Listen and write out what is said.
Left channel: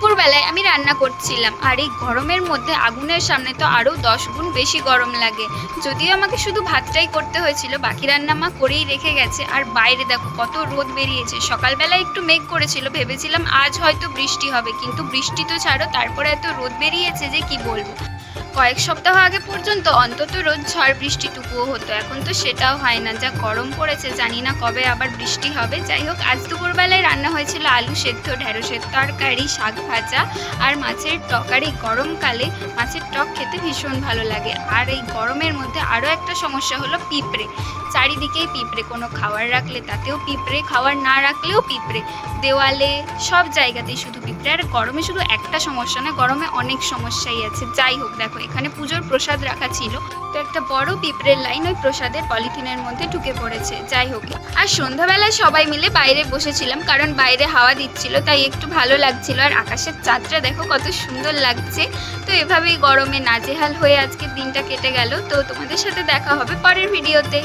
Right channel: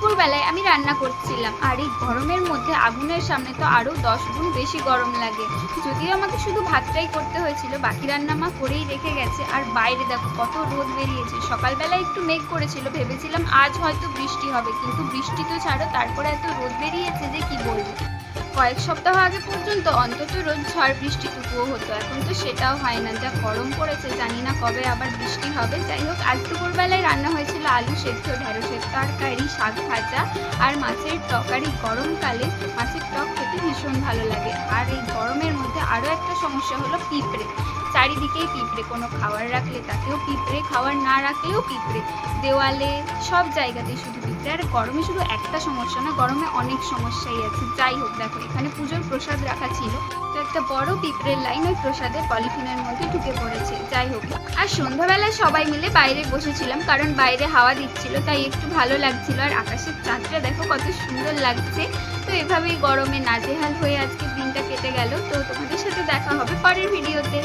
দুপুরবেলায় আমি রান্না করছিলাম, আর এই গরমের মধ্যে আগুনের সামনে তো আরও 10 গুণ বেশি গরম লাগে। যদিও আমাকে শুধু ভাতটাই করতে হয়েছিল, বাকি রান্না মা করেই রেখে গেছে। আর বাইরে দেখো কত রোদ বেরিয়েছে। সকালবেলা একটু মেঘ করেছিল, ভেবেছিলাম আজ হয়তো বৃষ্টি হবে, কিন্তু বৃষ্টি তো ছাড়ো, তারপরে এত রোদ বেরিয়েছে যে কি বলবো। কয়েক সপ্তাহ আগে পর্যন্ত অন্তত রোদ ঝড় বৃষ্টিটুকুও হতো, এখন তো সেটাও হয় না। যা গরম পড়েছে, জানি না কবে আবার বৃষ্টি হবে। যাই হোক, আজ দুপুরবেলায় রান্না হয়েছিল আলু সেদ্ধ, ঢেঁড়সের তরকারি, শাক ভাজা আর মাছের টক। আর এই গরমকালে মাছের টক খেতে ভীষণ ভালো লাগে। আর এই গরমের মধ্যে আরও একটা সমস্যা হলো পিঁপড়ে। চারিদিকেই পিঁপড়ে, কোনো খাবার রাখলে তাতেও পিঁপড়ে, খাবার না রাখলেও পিঁপড়ে, দেওয়ালে সব জায়গাতেই শুধু পিঁপড়ে। আর গরমে শুধু একটা সমস্যা না, গরমে অনেক সমস্যাই আছে। যাই হোক, দেখো এখানে পুজোর প্রসাদ রাখা ছিল, তো একটা বড় পিঁপড়ের লাইন ওই প্রসাদের পলিথিনের মধ্যে ঢুকে পড়েছে। যাই হোক, আর সন্ধ্যাবেলায় সবাই মিলে বাইরে বসেছিলাম, কারণ বাইরে হাওয়া দিচ্ছিল, তাই একটু ভালো লাগছিল। আর আকাশের চাঁদটা দেখো কত সুন্দর লাগছে। তো এভাবেই গরমে নাজেহাল হয়ে আজকের দিনটা কেটে গেল। তো তোমাদের সাথে দেখা হবে পরের ভিডিওতে।